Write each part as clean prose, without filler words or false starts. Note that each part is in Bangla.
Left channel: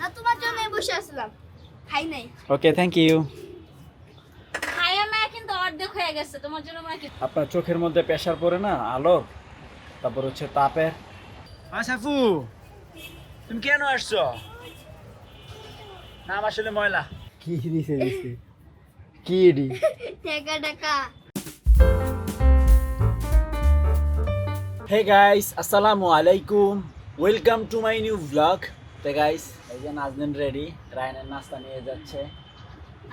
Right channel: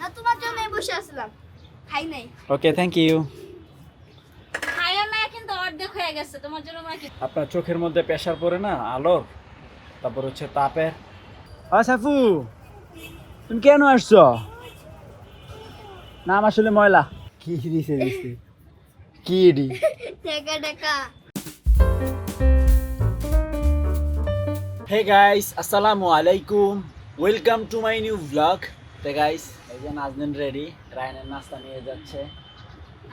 না তোমার জন্য বসে আসলাম, খাই নাই। ওকে, থ্যাংক ইউ। খাইও না, কিন্তু অর্ধেক হয়ে গেছে তোমার জন্য মানে কি। আপনার চোখের মধ্যে প্রেসার পড়ে না আলোর, তারপর হচ্ছে তাপের। সাফু, তুমি কেন আসছো? নাম আসলে ময়লা। কি দিছে দিছে কি দি টাকা টাকা। হে গাইস, আসসালামু আলাইকুম, welcome to my new blog. তে গাইস, এই যে নাজনীন রেডি, রায়নের নাস্তা নিয়ে যাচ্ছে।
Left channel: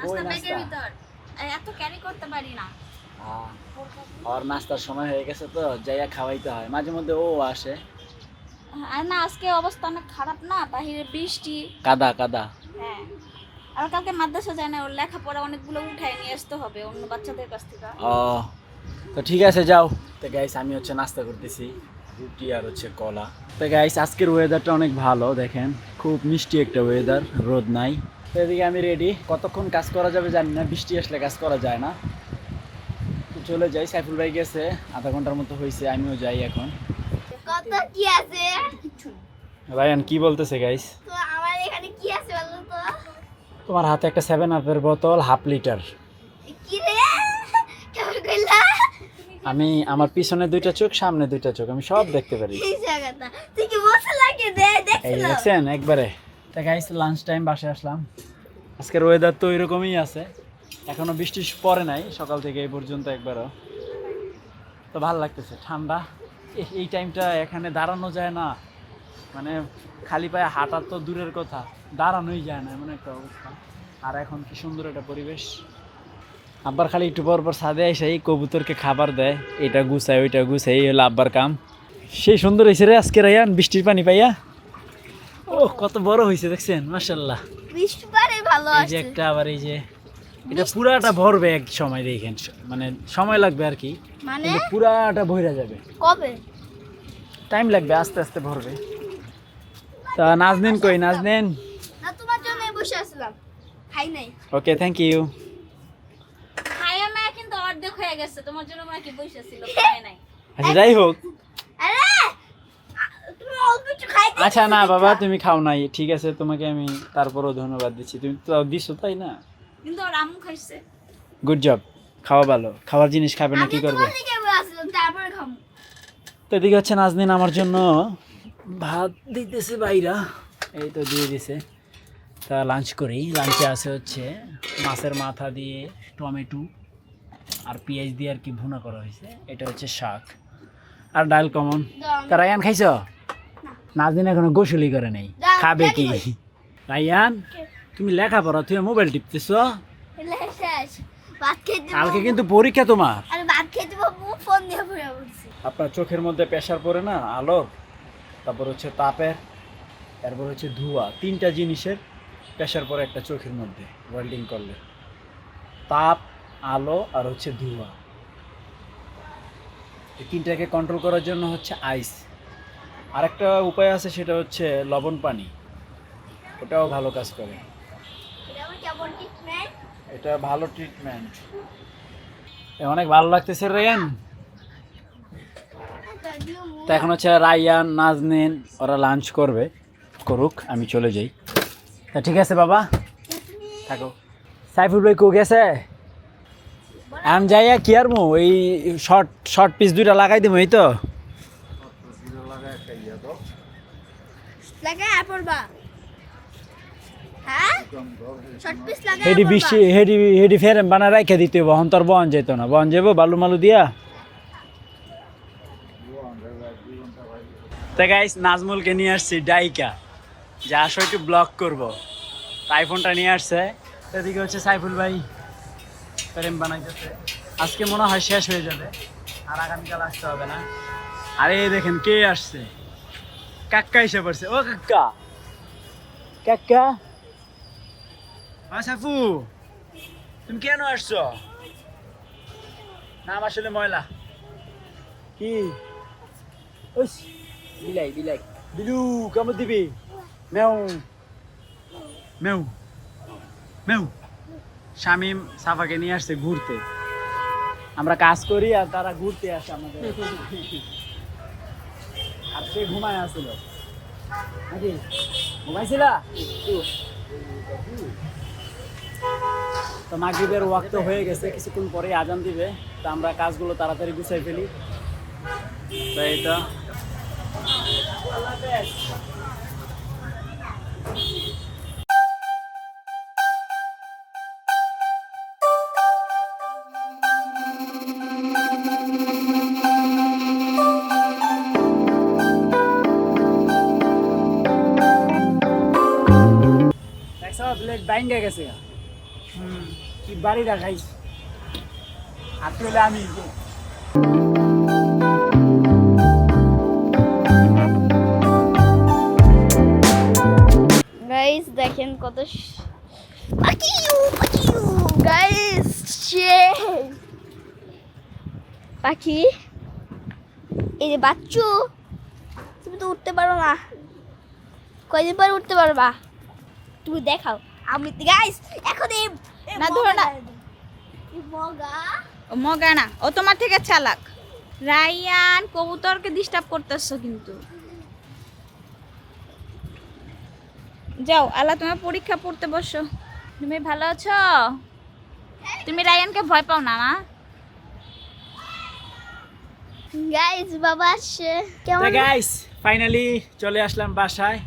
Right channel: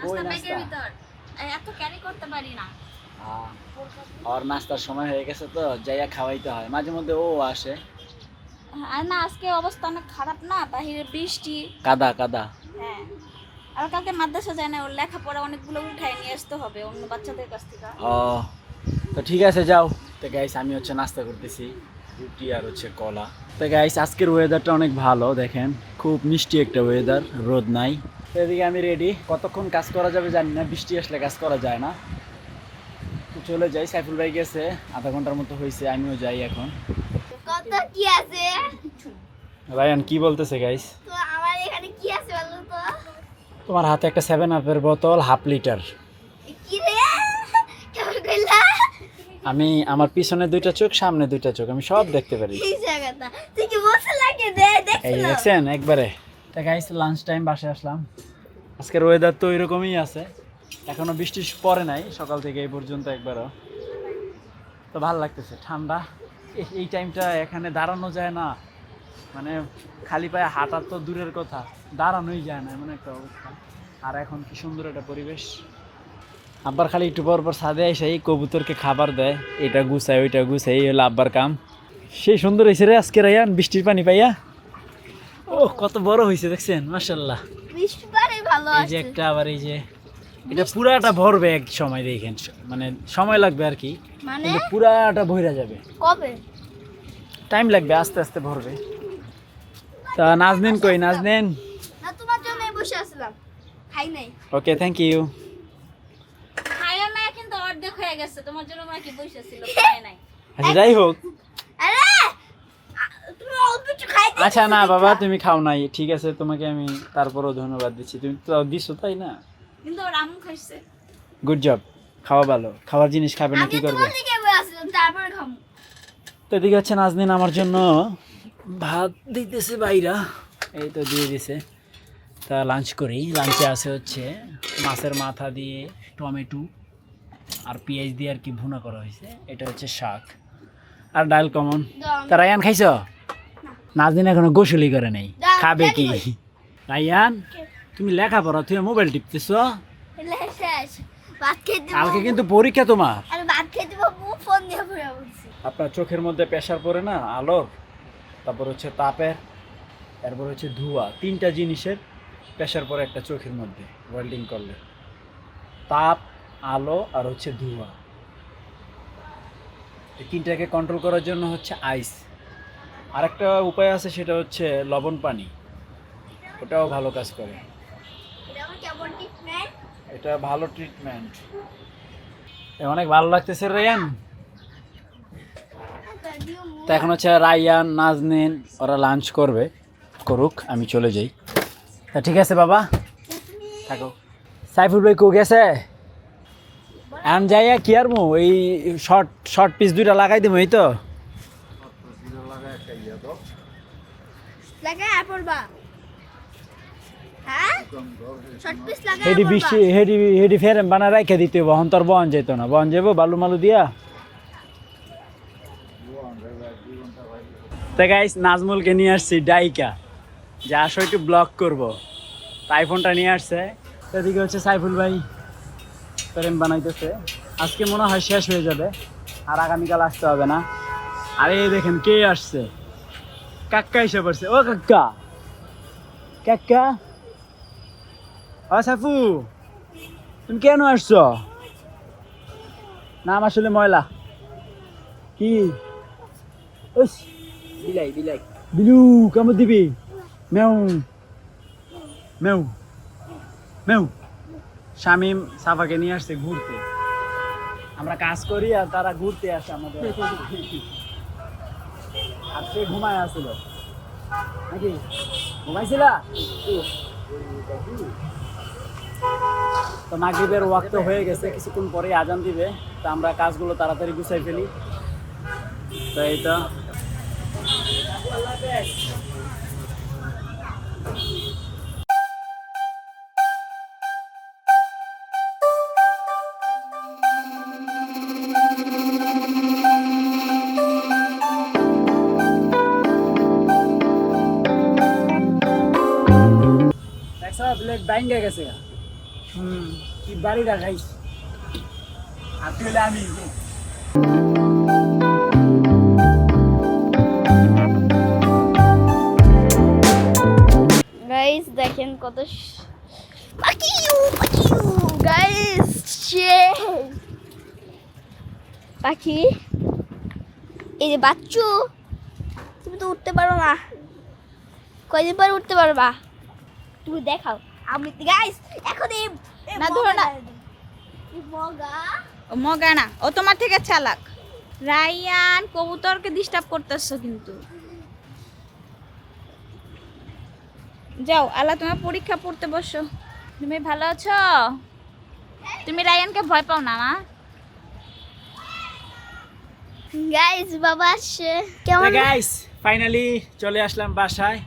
ওই নাস্তা নাস্তা ব্যাগের ভিতর এত ক্যারি করতে পারি না। আর নাস্তার সময় হয়ে গেছে তো যাইয়া খাওয়াইতে হয়, মাঝে মধ্যে ও আসে। আর না, আজকে অবস্থা অনেক খারাপ না, বাহিরে বৃষ্টি, কাদা কাদা। হ্যাঁ। আর কালকে মাদ্রাসা যায় না, ওর লেখাপড়া অনেকগুলো উঠায় নিয়ে আসতে হবে অন্য বাচ্চাদের কাছ থেকে। ও তো ঠিক আছে, যাও। তো গাইস, আমি হচ্ছে নাস্তা করতেছি, রুটি আর হচ্ছে কলা। তো গাইস, আজকের ওয়েদারটা অনেক ভালো, দেখেন খুব মিষ্টি একটা ওয়েদার, রোদ নাই। তো এদিকে আমি রেডি, কতক্ষণ কাজ করা যাবে জানি না, বৃষ্টি আসলে কাজ করা যায় না। তো চলে যাই, সাইফুল ভাই গেছে, আধা ঘন্টার মতো হয়েছে, আমিও যাই এখন। কত কি আছে? রায়ান কি বলতেছে গাইস? তো আমার এখানে কি আছে বলো তো? তোমার হাতে একটা 7 আপের বোতল, হাফ লিটার। কি রে, কেমন কইলা? আমি আমার পিছনে দুইটা চোখ, সামনে দুইটা চোখ, আমি সব দেখতে পারি। এই জায়গাটা তুই কি বসে লাগে দে এই দেখছিস? দেখছেন একবারে। তা গাইস, লাঞ্চ টাইম, বাসায় আসলাম। আজকের ওয়েদার তো এরকমই আছে, এখনো বৃষ্টি পড়ে নাই সকাল থেকে এই পর্যন্ত একবারও। তো ভালো লাগতেছে, ঠান্ডা। এই টাইমটা এখানে দাঁড়ানো যায় না, মানে খালি পায়ে হাঁটা তো দূরের কথা, দাঁড়ানোই যায় না, এমন একটা অবস্থা। আর এখন কি সুন্দর একটা পরিবেশ। আব্বার খালি একটু পর পর ছাদে এসে এই কবুতরকে খাবার দেয়, এটা গুছায় ওইটা গুছাই, এই হলো আব্বার কাম। সেই সুন্দর হয়েছে রে আজকে রায়ান, বৃষ্টির পানি পাইয়া। ও কত বড় হয়েছে দেখছেন, মাশাআল্লাহ। বৃষ্টি পারে ভালো এই যে আছে। একটা, আবার এই যে এটা পুরাটা ভরবে এক সময়, দেখেন মানে সময় লাগবে আর কি, মানে কিন্তু পুরাটা ভইরা যাবে, কবে? টাইম লাগবে, আস্তে আস্তে ভরবে। তা নাজনীন কই, নাজনীন? না তোমার জন্য বসে আসলাম, খাই নাই। ওকে, থ্যাংক ইউ। খাইও না, কিন্তু অর্ধেক হয়ে গেছে তোমার জন্য মানে কি বসে ছিল, খাই নাই। আচ্ছা যাই হোক, আরে তুমি অল্প একটু খাইতে। আচ্ছা না বাবা, তুমি খাও নাই, ঠিক আছে, তোমাকে আমি তারপরও ধন্যবাদ দিচ্ছি, তুমি তো দিছো তাই না, কিন্তু ওর আম্মু খাইছে। Good job. খাওয়া ভালো, খাওয়ার জিনিস খাবে না কি করবে। আমি তোমার দিকে আসলাম, তারপর খামু। তো এদিকে হচ্ছে নাজনীন আমার জন্য ভাত দিতেছে বাইরা, এই তো দিয়ে দিছে। তা লাঞ্চ করি, লাঞ্চে আছে হচ্ছে মাছের মাথা দিয়ে টমেটো আর পেঁয়াজ দিয়ে আর কি ভুনা করা হয়েছে, এটা হচ্ছে শাক আর ডাল কমন। তা রায়ান খাইছ? নাজনীন এখনো গোসলই করে নেই, খাবে কি? রায়ান তুমি লেখাপড়া, তুমি মোবাইল টিপতেছ, শেষ ভাত খেতে। কালকে কিন্তু পরীক্ষা তোমার। আরে ভাত খেতে বাবু, ফোন দিয়ে পড়ে বলছি। আপনার চোখের মধ্যে প্রেসার পড়ে না আলোর, তারপর হচ্ছে তাপের, এরপর হচ্ছে ধোঁয়া, তিনটা জিনিসের প্রেসার পড়ে একটা চোখের মধ্যে ওয়েল্ডিং করলে, তাপ, আলো আর হচ্ছে ধোঁয়া। এই তিনটাকে কন্ট্রোল করার জন্য হচ্ছে আইস। আরেকটা উপায় আছে, সেটা হচ্ছে লবণ পানি, ওটাও ভালো কাজ করে। এটা আমার কেমন ট্রিটমেন্ট? এটা ভালো ট্রিটমেন্ট। অনেক ভালো লাগতেছে রায়ান। তো এখন হচ্ছে রায়ান, নাজনীন ওরা লাঞ্চ করবে, করুক, আমি চলে যাই। তা ঠিক আছে বাবা, থাকো। সাইফুল ভাই কো গেছে? এখন যাইয়া কি আর মু এই শর্ট পিস দুইটা লাগাই দিব, এই তো লাগা আপল বা, হ্যাঁ শর্ট পিস লাগা হেডি আপল বৃষ্টি, হেডি ফেরেম বানা রাইখা দিতে হবে, অহন তোর বহন যেত না, বহন যাবো বালু মালু দিয়া। তো গাইস, নাজমুলকে নিয়ে আসছি ডাইকা, যে আসো একটু ব্লগ করবো, আইফোনটা নিয়ে আসছে। এদিকে হচ্ছে সাইফুল ভাই ফ্রেম বানাইতেছে, আজকে মনে হয় শেষ হয়ে যাবে, আর আগামীকাল আসতে হবে না। আরে দেখেন কে আসছে, কাক্কা এসে পড়ছে। ও কাক্কা, কাক্কা, ও সাইফু, তুমি কেন আসছো? নাম আসলে ময়লা। কি বিলাই বিলাই বিলু, কেমন দিবি? মেউ মেউ মেউ। শামিম সাফাকে নিয়ে আসছে ঘুরতে, আমরা কাজ করি আর তারা ঘুরতে আসে আমাদের, আর সে ঘুমায় আসছিল নাকি। ঘুমাইছিলা? তো মাগরিবের ওয়াক্ত হয়ে গেছে, কিছুক্ষণ পরে আজান দিবে। তো আমরা কাজগুলো তাড়াতাড়ি গুছাই ফেলি। তো এই তো ব্লেড বাইঙ্গা গেছে। কি বাড়ি রাখাইস আর তুইলে আমি গাইস দেখেন কত গাইস পাখি, এই যে বাচ্চু, তুমি তো উঠতে পারো না, কয়দিন পরে উঠতে পারবা? তুমি দেখাও। আমি গাইস এখন এই না ধরো না, মগা না, ও তোমার থেকে চালাক। রায়ান কবুতরকে ডিস্টার্ব করতেছো কিন্তু। যাও আল্লাহ, তোমার পরীক্ষা পড়তে বসো। তুমি ভালো আছো? তুমি রায়ানকে ভয় পাও না মা? গাইস বাবা আসছে। তো গাইস ফাইনালি চলে আসলাম বাসায়,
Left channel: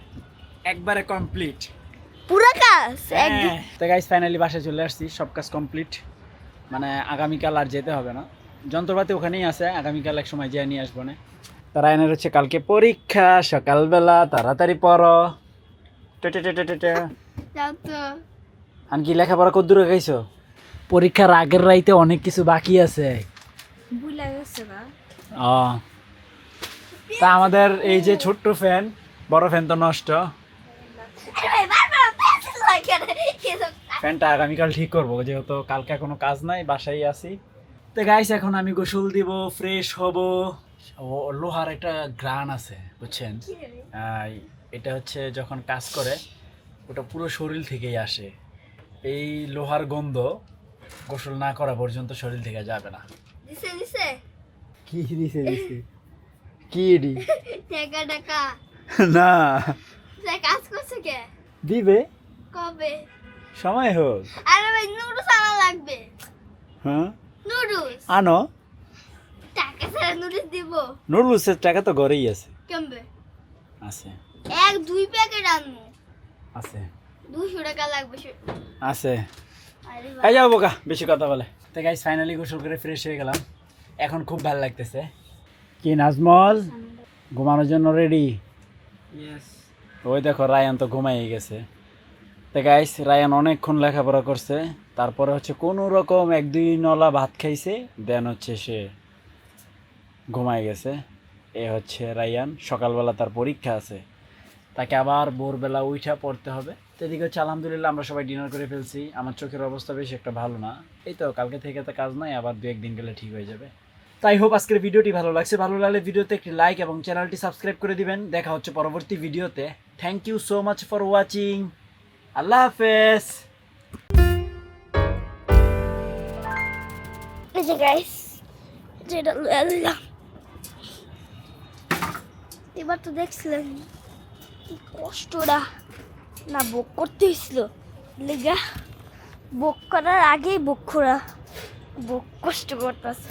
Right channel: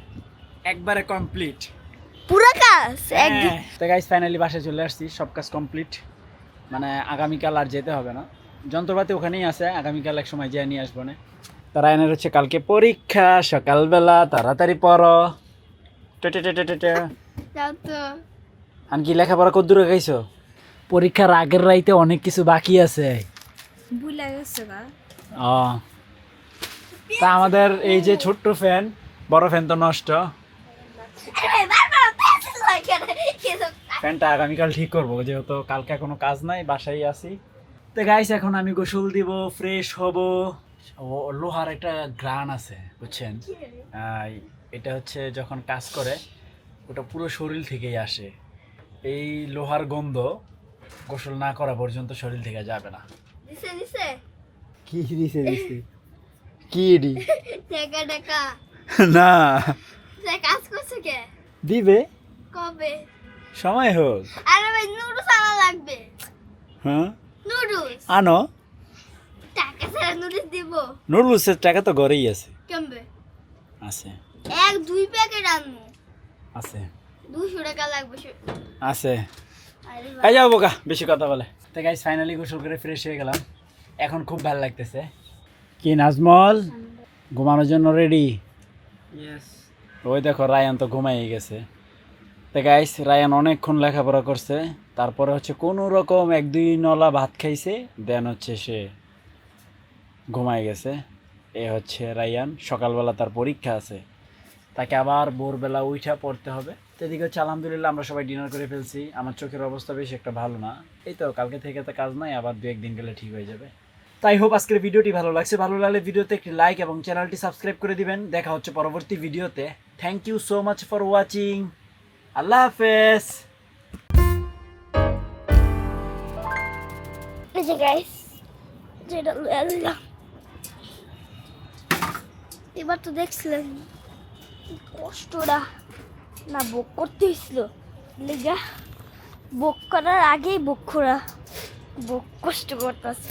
একবারে কমপ্লিট পুরো কাজ একদিন। তো গাইস ফাইনালি বাসায় চলে আসছি, সব কাজ কমপ্লিট। মানে আগামীকাল আর যেতে হবে না, যন্ত্রপাতি ওখানেই আছে, আগামীকাল এক সময় যেয়ে নিয়ে আসবো না। তো রায়ানের হচ্ছে কালকে পরীক্ষা, সকালবেলা তাড়াতাড়ি পড়ো। যাও তো। আর কি লেখাপড়া কত দূরে গাইছো? পরীক্ষার আগের রাইতে অনেক কিছু বাকি আছে। ভুলে গেছো না? ও তা আমাদের এই যে ছোট্ট ফ্যান, বড় ফ্যান তো নষ্ট। ফ্যানটা আগামীকাল ঠিক করবো, যেহেতু কালকে কোনো কাজ নাই, বাসায় আছি। তো গাইস এখন আমি গোসল দিব, ফ্রেশ হব। লোহার একটা গ্রান আছে বুঝছেন, এটা হচ্ছে যখন কাজ করে ওটা পুরো শরীর থেকেই আসে। এই লোহার গন্ধ গোসল না করা পর্যন্ত শরীর থেকে যাবে না। কি দিছে দিছে কি দি টাকা টাকা না কাজ করছো কে? দিবে কবে? সময় হোক। আরে ভাই নুডলস আনা লাগবে। হ্যাঁ নুডলস আনো। টাকা ছাড়া নুডলস দিব? নুডলসের টাকা তো ঘরেই আছে। কেমবে আছে? এক দুই প্যাকেট আনবো। আছে 200 টাকা লাগবে। আছে। আরে এই যাও বোকা, বেশি কথা বলে। তো গাইস ফাইনালি গোসল করে ফ্রেশ হয়ে গেলাম, এখন খুব ভালো লাগতেছে। কি নাজমল ঘুমানোর জন্য রেডি? ইয়েস। ওই দেখো রায়ান তো ঘুমাই গেছে। তো গাইস রায়ান অনেকক্ষণ লেখাপড়া করছে, তারপরে হচ্ছে কোনো রকম 1-2 নলা ভাত খাইছে, দেন হচ্ছে সে ঘুমাই গেছে। এ হচ্ছে রায়ান, সকালবেলা তার পরীক্ষা আছে, তাকে আবার ভোরবেলা উঠা পড়তে হবে। তো এদিকে হচ্ছে আলহামদুলিল্লাহ আমরা সবাই ডিনার করে ফেলছি। আমার চোখের অবস্থা বেশি একটা ভালো না, এই তো কালকে থেকে তো কাজ নাই, আবার 2-1 দিন গেলে ঠিক হয়ে যাবে। তাই হোপ আজকের ভিডিওটি ভালো লাগছে, ভালো লাগলে ভিডিওতে একটি লাইক এবং চ্যানেলটি সাবস্ক্রাইব করে দিবেন। দেখা হচ্ছে পরবর্তী ভিডিওতে। Thank you so much for watching. Allah হাফেজ। এই যে গাইস যেটা লয়ে দিলাম, এবার তো দেখছিলেন কি কষ্টটা না বুক করতে হয়েছিল। লেগা বুক করার আগেই বুক করা বুক কষ্ট করতেছে।